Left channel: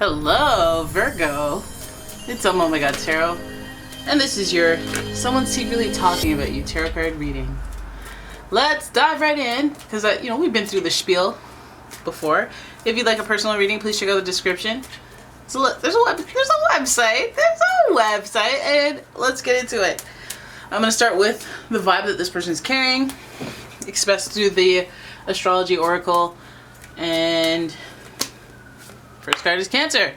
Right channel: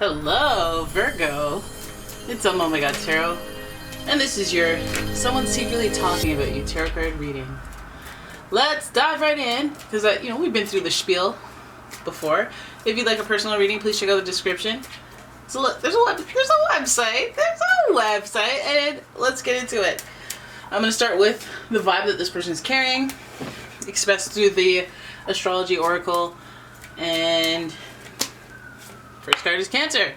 Hello, Virgo. It's umomgtarot, and this is your Someone Secretly Talking About You tarot card reading. Let's dive right in, because we've been through the spiel before. If you'd like a personal reading, please check out the description. So look, there's a website, and let's get into it. I'm going to start with the vibe that this person's carrying, expressed through the astrology oracle, and first card is Cancer.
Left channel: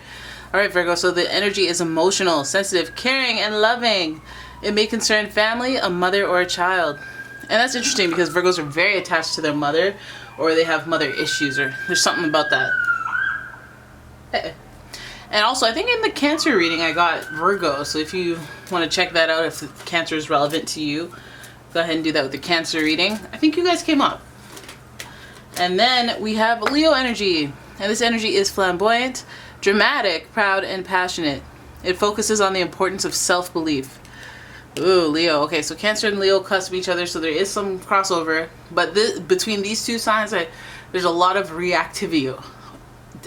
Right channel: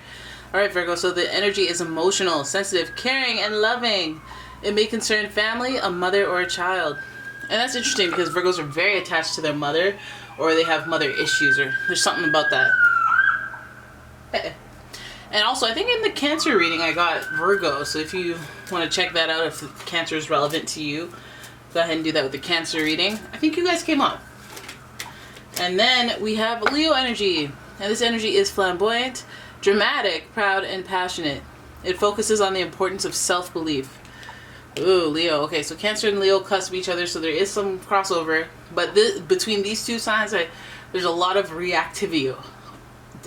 Alright, Virgo, so the energy is emotional, sensitive, caring, and loving. It may concern family, a mother, or a child. And that's interesting because Virgos are very attached to their mother, or they have mother issues, or there's something about that. And also, I think in the Cancer reading I got Virgo, so if you want to check that out, if Cancer is relevant to you, go ahead and do that with the Cancer reading. I think you guys came up. And then we have Leo energy. And this energy is flamboyant, dramatic, proud, and passionate. It focuses on the importance of self-belief. Ooh, Leo. Okay, so Cancer and Leo cusp each other, so there is some crossover. But between these two signs, there's a lot of reactivity.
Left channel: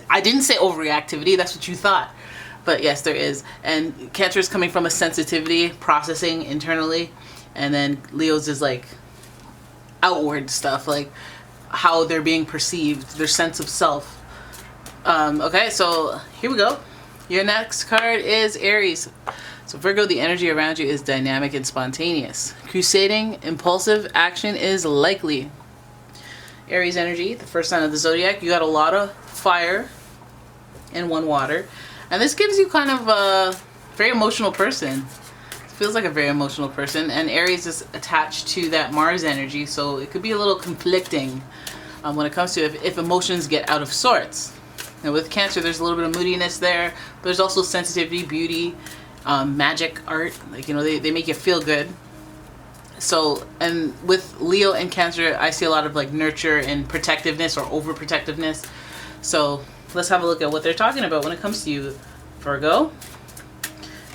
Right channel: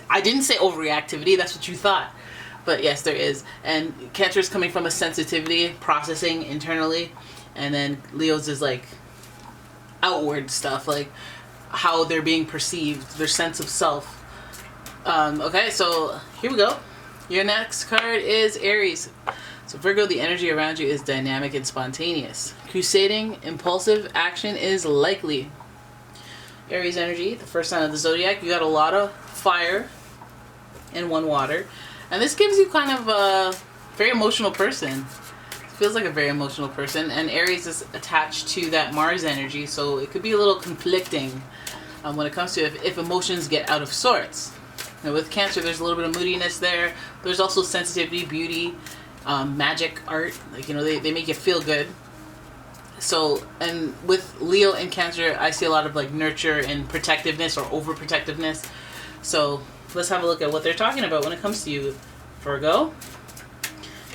I didn't say overreactivity, that's what you thought. But yes, there is. And Cancer is coming from a sensitivity, processing internally. And then Leo's is like outward stuff, like how they're being perceived, their sense of self. Okay, so here we go. Your next card is Aries. So Virgo, the energy around you is dynamic and spontaneous. Crusading, impulsive action is likely. Aries energy, the first sign of the zodiac, you got a lot of fire and one water. And this gives you kind of a very emotional person. It feels like a very emotional person. And Aries is attached to that Mars energy, so it could be a little conflicting when it comes to if emotions get out of sorts. And with Cancer, there's a little bit of moodiness there. There's also sensitivity, beauty, magic, art. Like, they make you feel good. So, and with Leo and Cancer, I see a lot of like nurture and protectiveness or overprotectiveness. So let's have a look at what they're talking about when it comes to you, Virgo. All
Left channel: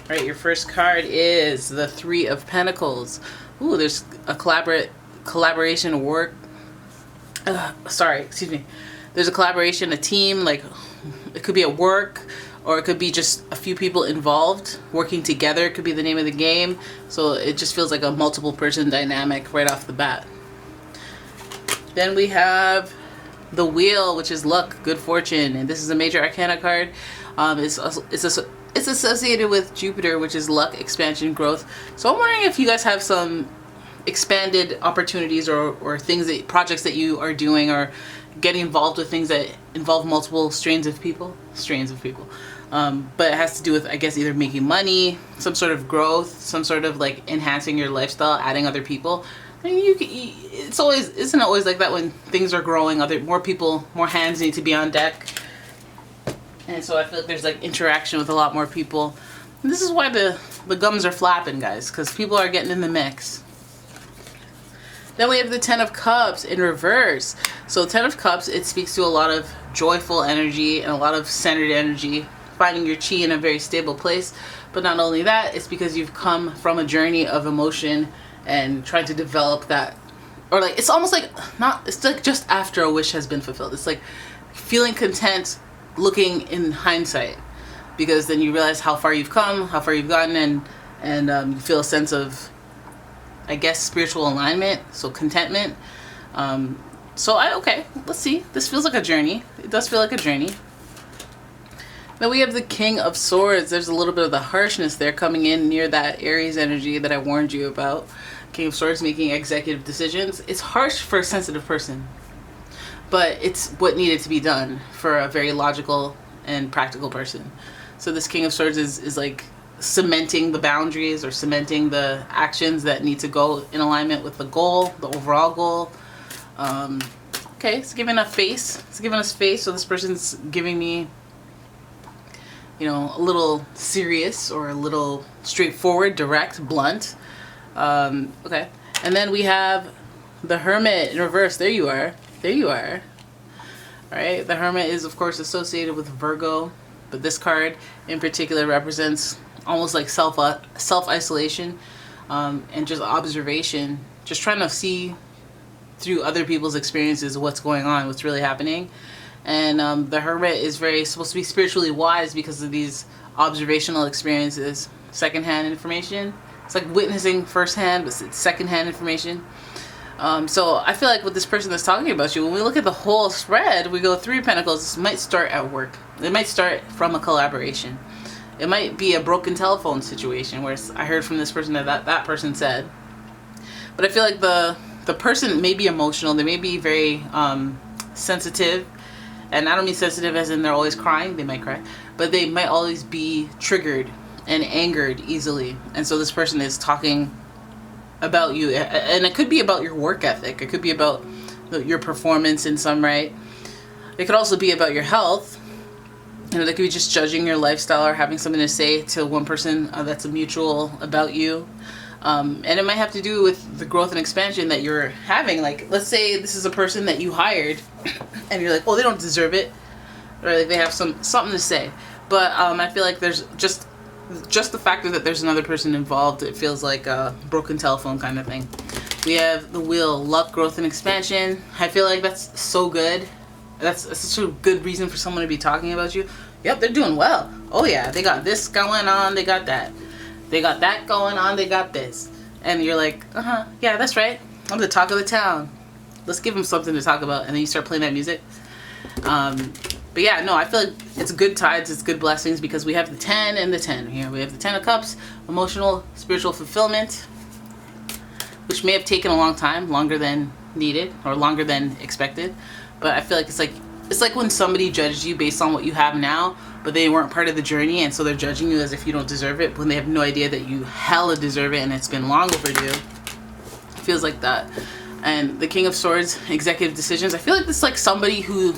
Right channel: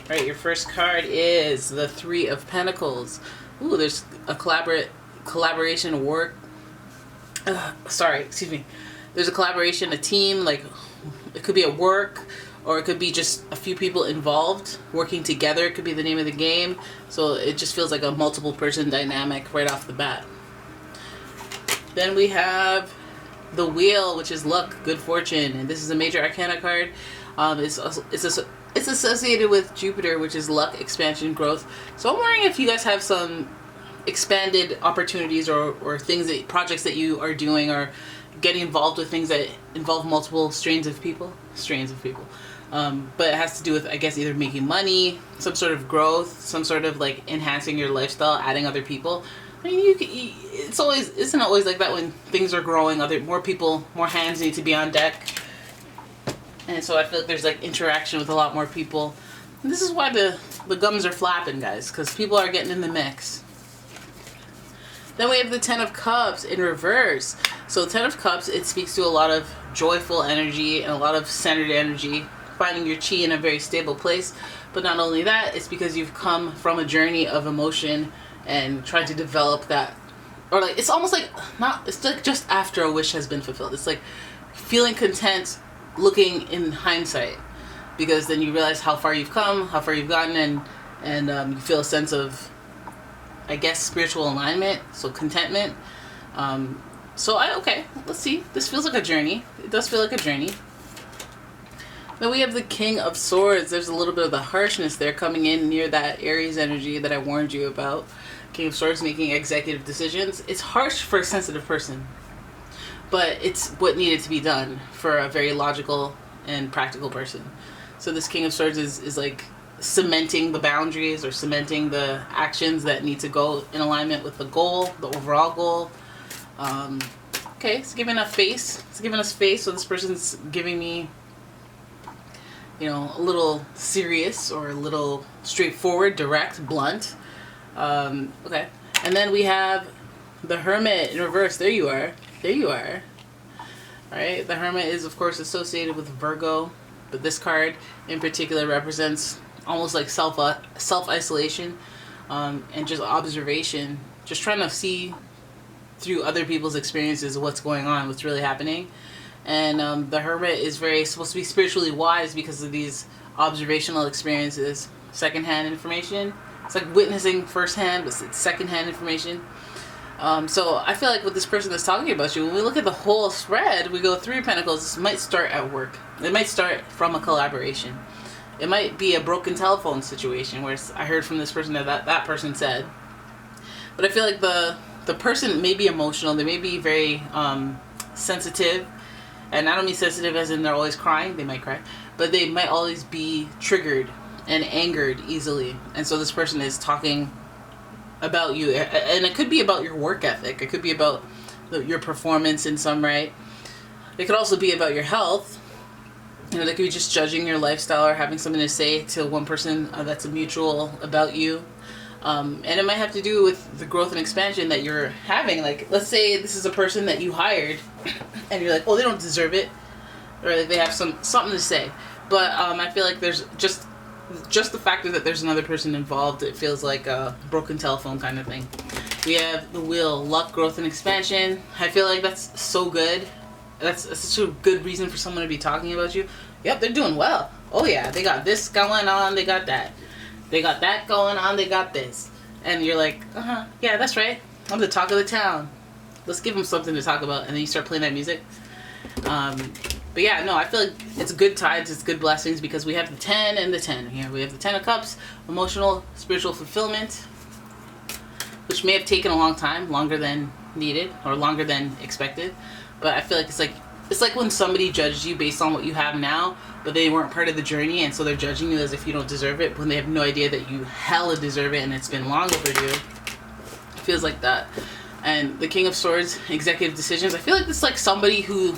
right, your first card is the Three of Pentacles. Ooh, there's a collaboration, work. There's a collaboration, a team, like it could be at work, or it could be just a few people involved working together. It could be the name of the game. So it just feels like a multiple person dynamic right off the bat. Then we have the Wheel, which is luck, good fortune, and this is a major arcana card. It's associated with Jupiter, which is luck, expansion, growth. So I'm wondering if you guys have some expanded opportunities or things projects that you are doing, or getting involved with things that involve multiple strains of people. But it has to do with, I guess, either making money, some sort of growth, some sort of like enhancing your lifestyle, adding other people. I mean, isn't it always like that when things are growing? More people, more hands need to be on deck. And so I feel like there's like interaction with a lot more people. And this is why the gums are flapping, guys, because people are getting in the mix. Then we have the Ten of Cups in reverse. So Ten of Cups, it speaks to a lot of joyful energy and a lot of centered energy, finding your chi in a very stable place. But not only that, it's because you've come from a journey of emotion and trying to develop that, or like it's almost like it's like just after a wish has been fulfilled. It's like feeling content, looking in hindsight, because then you realize how far you've come, how far you've gotten, and you feel a sense of, I guess, spiritual alignment, so contentment. Okay, let's see. This feels like a journey. It does feel like a journey. Then we have the King of Swords. There's a little bit of the harshness there coming in near that Aries energy that I warned you about. King of Swords making executive decisions. It's harsh for a sensitive person, but it's what needed to be done for a very logical and practical person. So this King of Swords is like cementing the boundaries or cementing the actions that need to go in alignment with the goal, the overall goal. Okay, it's giving us face. It's giving us face. So this person's giving me, a little serious or a little straightforward, direct, blunt. Okay, and then we have the Hermit in reverse. There you are. All right, the Hermit is of course associated with Virgo, but this card in particular represents almost like self-isolation, and just observation, just trying to see through other people's experiences what's going on, what's really happening. And the Hermit is supposed to be spiritually wise because of these observational experiences, secondhand information. It's like witnessing firsthand, but it's secondhand information. So I feel like with this person that's talking about you, when we look at the whole spread, we go 3 of Pentacles. This might start at work. It might start from a collaboration. It might be a broken telephone situation where I heard from this person that person said. But I feel like the person may be emotional. They may be very sensitive. And I don't mean sensitive as in they're always crying. They might cry. But they might always be triggered and angered easily. And so this person is talking about you. And it could be about your work ethic. It could be about your performance in some right. It could also be about your health. You know, they could be just judging your lifestyle or having something to say to one person that's a mutual about you. And it might have to do with the growth and expansion that you're having. Like, let's say this is a person that you hired and you're like, oh, they don't deserve it. Or like they have something to say. But I feel like there's just the fact that there's another person involved, it feels like a broken telephone kind of thing. We have the Wheel, luck, growth, and expansion. I feel like that's so good. That's such a good reason for someone to be talking about you. Yep, they're doing well. Oh yeah, they got this going on, they got that. They got that going on, they got this. And you're like, yeah, that's right. I'm the talk of the town. Let's give them something to talk about. And then you start playing that music. But yeah, no, I feel like it's good tides, it's good blessings, because we have the 10 and the 10 here. We have the 10 of Cups, emotional, spiritual fulfillment, which may have taken a long time, longer than needed, or longer than expected. But I feel like it's like when somebody judges you based on what you have now, but they weren't part of the journey, and so they're judging you as if you don't deserve it, when they have no idea that you hella deserve it, and it's been long overdue. It feels like that. And the King of Swords, executive decisions. I feel like this is like somebody who,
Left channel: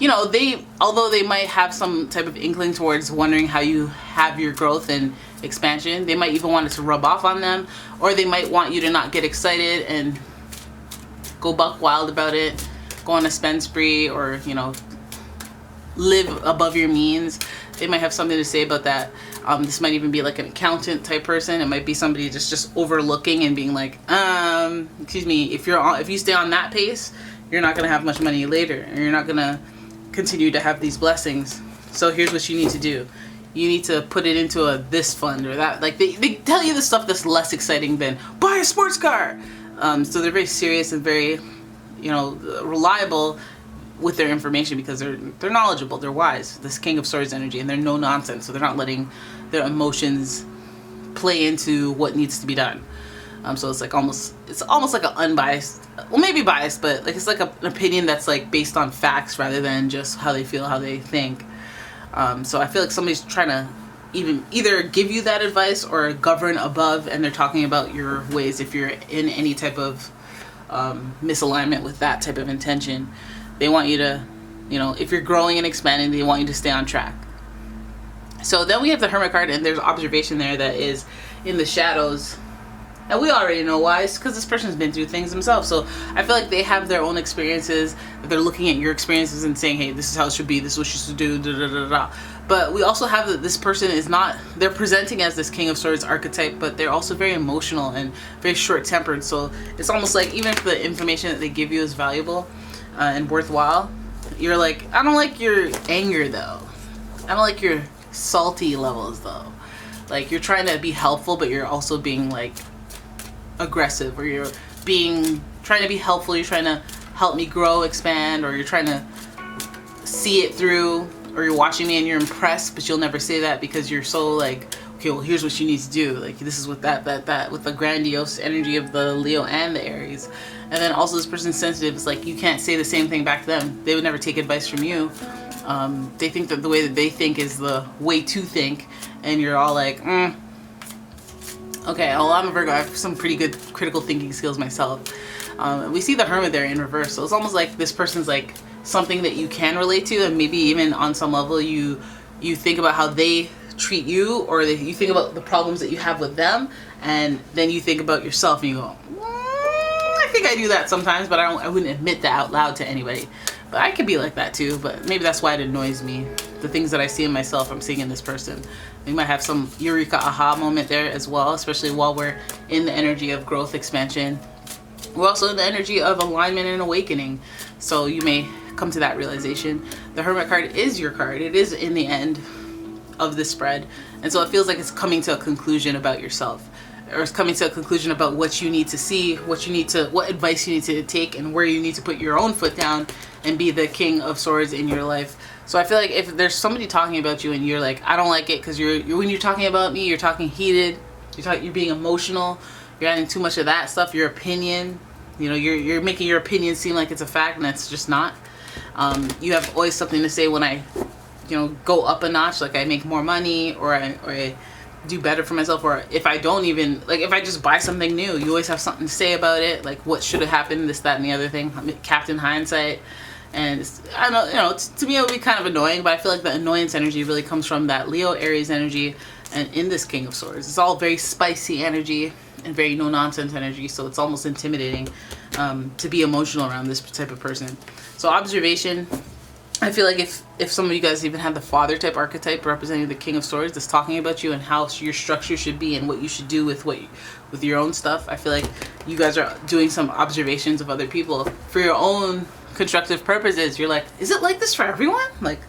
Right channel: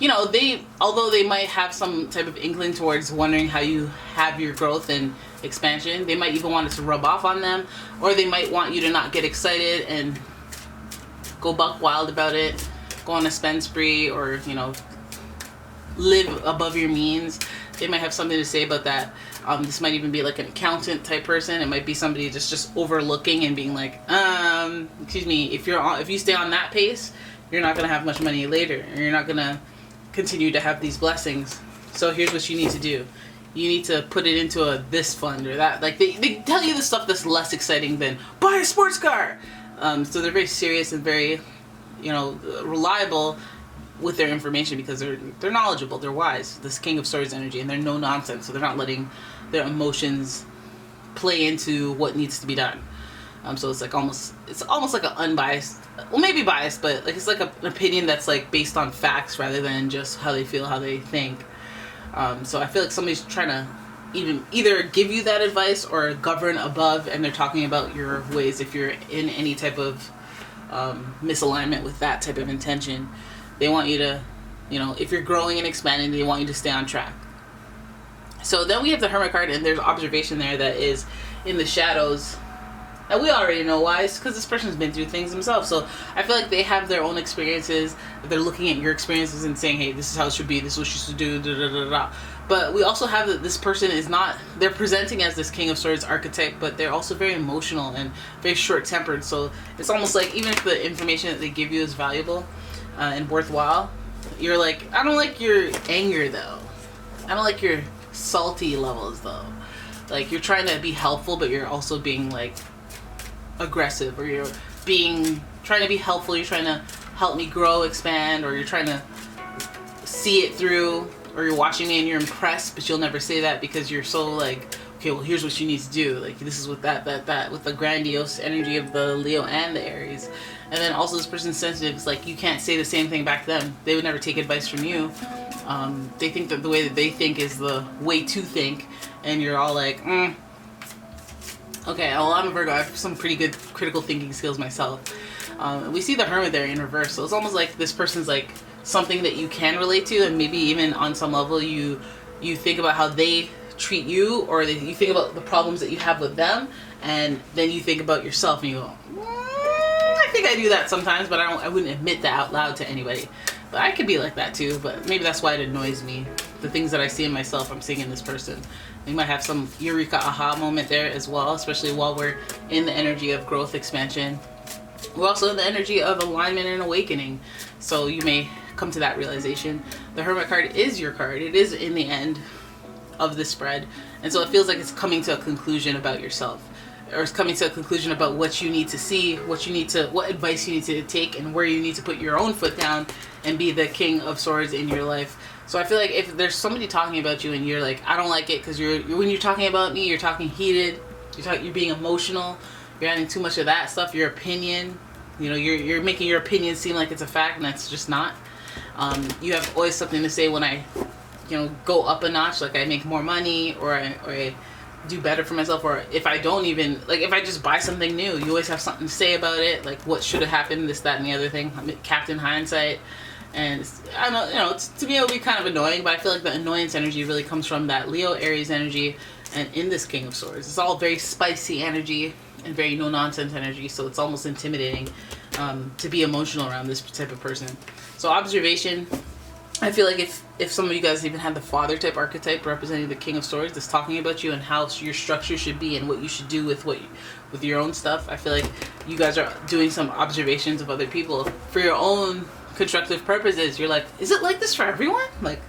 you know, although they might have some type of inkling towards wondering how you have your growth and expansion, they might even want it to rub off on them, or they might want you to not get excited and go buck wild about it, go on a spend spree, or, you know, live above your means. They might have something to say about that. This might even be like an accountant type person. It might be somebody just overlooking and being like, excuse me, if you stay on that pace, you're not going to have much money later, or you're not going to continue to have these blessings. So here's what you need to do. You need to put it into this fund or that. Like they tell you the stuff that's less exciting than buy a sports car. So they're very serious and very, you know, reliable with their information, because they're knowledgeable, they're wise. This King of Swords energy, and they're no nonsense. So they're not letting their emotions play into what needs to be done. So it's almost like an unbiased, well, maybe biased, but like it's like an opinion that's like based on facts rather than just how they feel, how they think. So I feel like somebody's trying to either give you that advice or govern above, and they're talking about your ways if you're in any type of misalignment with that type of intention. They want you to, you know, if you're growing and expanding, they want you to stay on track. So then we have the Hermit card, and there's observation there that is in the shadows. And we already know why. It's because this person's been through things themselves. So I feel like they have their own experiences. They're looking at your experiences and saying, hey, this is how it should be. This is what you should do. Da, da, da, da. But we also have that this person is not, they're presenting as this King of Swords archetype, but they're also very emotional and very short-tempered. So it's almost like even if the information that they give you is valuable and worthwhile, you're like, I don't like your anger though. I don't like your salty levels though. Like you're trying to be helpful, but you're also being like aggressive, or you're trying to be helpful, you're trying to help me grow, expand, or you're trying to see it through, or you're watching me and you're impressed, but you'll never say that because you're so like, okay, well, here's what you need to do. Like this is with that with the grandiose energy of the Leo and the Aries. And then also this person's sensitive. It's like you can't say the same thing back to them. They would never take advice from you. They think that the way that they think is the way to think, and you're all like, okay, well, I'm a Virgo. I have some pretty good critical thinking skills myself. We see the Hermit there in reverse, so it's almost like this person's like something that you can relate to, and maybe even on some level you think about how they treat you, or you think about the problems that you have with them, and then you think about yourself and you go, I think I do that sometimes, but I wouldn't admit that out loud to anybody. But I could be like that too, but maybe that's why it annoys me. The things that I see in myself, I'm seeing in this person. We might have some eureka aha moment there as well, especially while we're in the energy of growth, expansion. We're also in the energy of alignment and awakening. So you may come to that realization. The Hermit card is your card. It is in the end of the spread. And so it feels like it's coming to a conclusion about yourself, or it's coming to a conclusion about what you need to see, what advice you need to take, and where you need to put your own foot down and be the King of Swords in your life. So I feel like if there's somebody talking about you and you're like, I don't like it, because when you're talking about me, you're talking heated, you're being emotional, you're adding too much of that stuff, your opinion, you know, you're making your opinion seem like it's a fact, and that's just not. You have always something to say when I, you know, go up a notch, like I make more money, or I do better for myself, or if I don't even, like if I just buy something new, you always have something to say about it, like what should have happened, this, that, and the other thing. I'm Captain Hindsight. And I don't, you know, to me it would be kind of annoying, but I feel like the annoyance energy really comes from that Leo Aries energy, and in this King of Swords, it's all very spicy energy and very no nonsense energy. So it's almost intimidating to be emotional around this type of person. So observation, I feel like if some of you guys even have the father type archetype representing the King of Swords, that's talking about you and how your structure should be and what you should do with with your own stuff. I feel like you guys are doing some observations of other people for your own constructive purposes. You're like, is it like this for everyone? Like,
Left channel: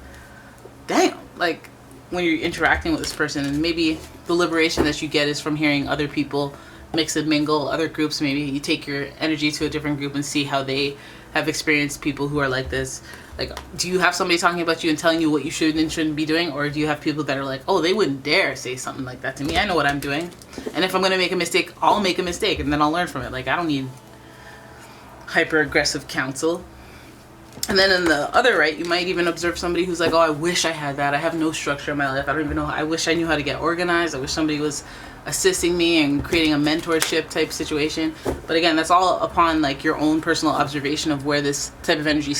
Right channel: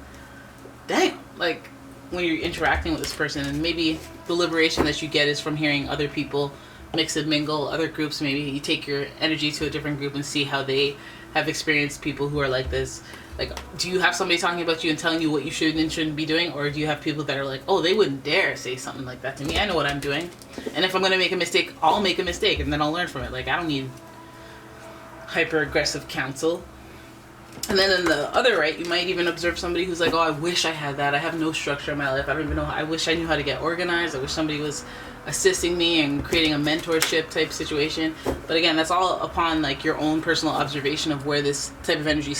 damn. Like, when you're interacting with this person, and maybe the liberation that you get is from hearing other people mix and mingle, other groups. Maybe you take your energy to a different group and see how they have experienced people who are like this. Like, do you have somebody talking about you and telling you what you should and shouldn't be doing? Or do you have people that are like, oh, they wouldn't dare say something like that to me. I know what I'm doing. And if I'm going to make a mistake, I'll make a mistake and then I'll learn from it. Like, I don't need hyper aggressive counsel. And then in the other right, you might even observe somebody who's like, oh, I wish I had that. I have no structure in my life. I don't even know. I wish I knew how to get organized. I wish somebody was assisting me and creating a mentorship type situation. But again, that's all upon like your own personal observation of where this type of energy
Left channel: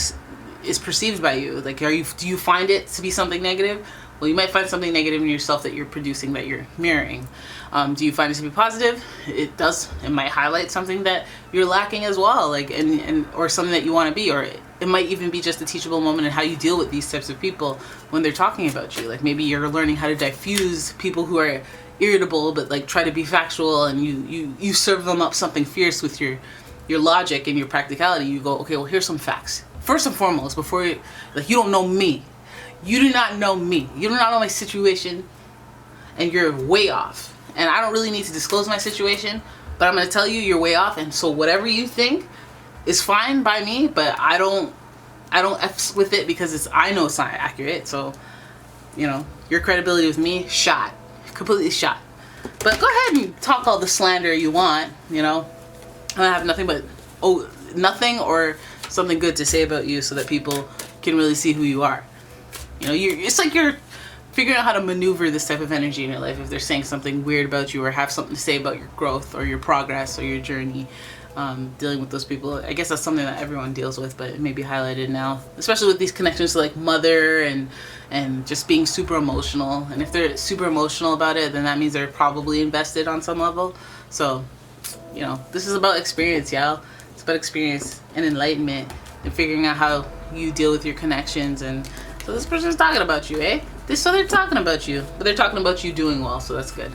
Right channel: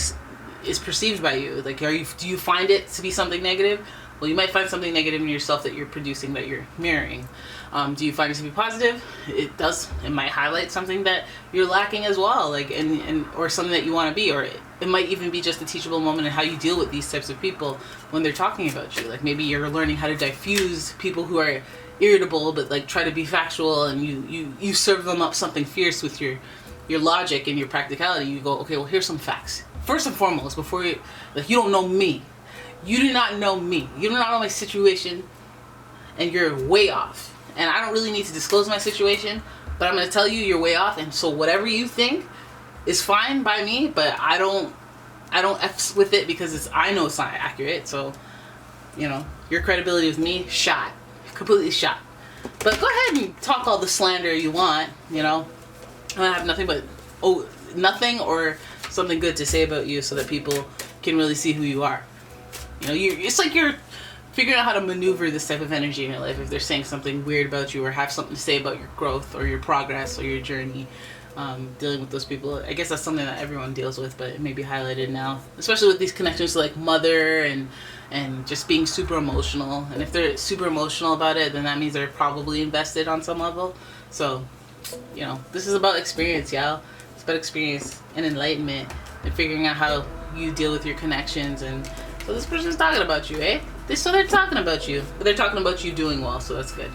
is perceived by you. Like, do you find it to be something negative? Well, you might find something negative in yourself that you're producing, that you're mirroring. Do you find it to be positive? It does. It might highlight something that you're lacking as well, like or something that you want to be, or it might even be just a teachable moment in how you deal with these types of people when they're talking about you. Like, maybe you're learning how to diffuse people who are irritable but like try to be factual, and you serve them up something fierce with your logic and your practicality. You go, okay, well, here's some facts. First and foremost, before you, like, you don't know me. You do not know me. You do not know my situation, and you're way off. And I don't really need to disclose my situation, but I'm going to tell you you're way off. And so whatever you think is fine by me, but I don't F with it, because I know it's not accurate. So, you know, your credibility with me, shot. Completely shot. But go ahead and talk all the slander you want, you know. I have nothing but nothing or something good to say about you, so that people can really see who you are. You know, it's like you're figuring out how to maneuver this type of energy in your life. If they're saying something weird about you, or have something to say about your growth or your progress or your journey, dealing with those people, I guess that's something that everyone deals with, but it may be highlighted now, especially with these connections to like mother and just being super emotional. And if they're super emotional about it, then that means they're probably invested on some level. So, you know, this is about experience, y'all. It's about experience and enlightenment and figuring out how you deal with your connections. And so this person's talking about you, eh? So they're talking about you, but they're talking about you doing well, so that's good.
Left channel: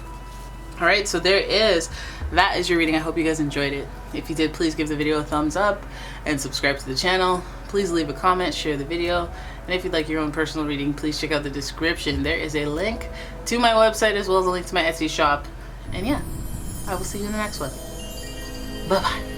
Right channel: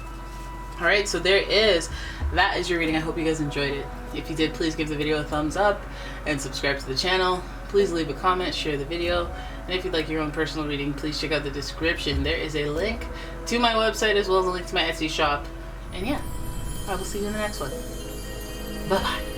All right, so that is your reading. I hope you guys enjoyed it. If you did, please give the video a thumbs up and subscribe to the channel. Please leave a comment, share the video, and if you'd like your own personal reading, please check out the description. There is a link to my website, as well as a link to my Etsy shop. And yeah, I will see you in the next one. Bye-bye.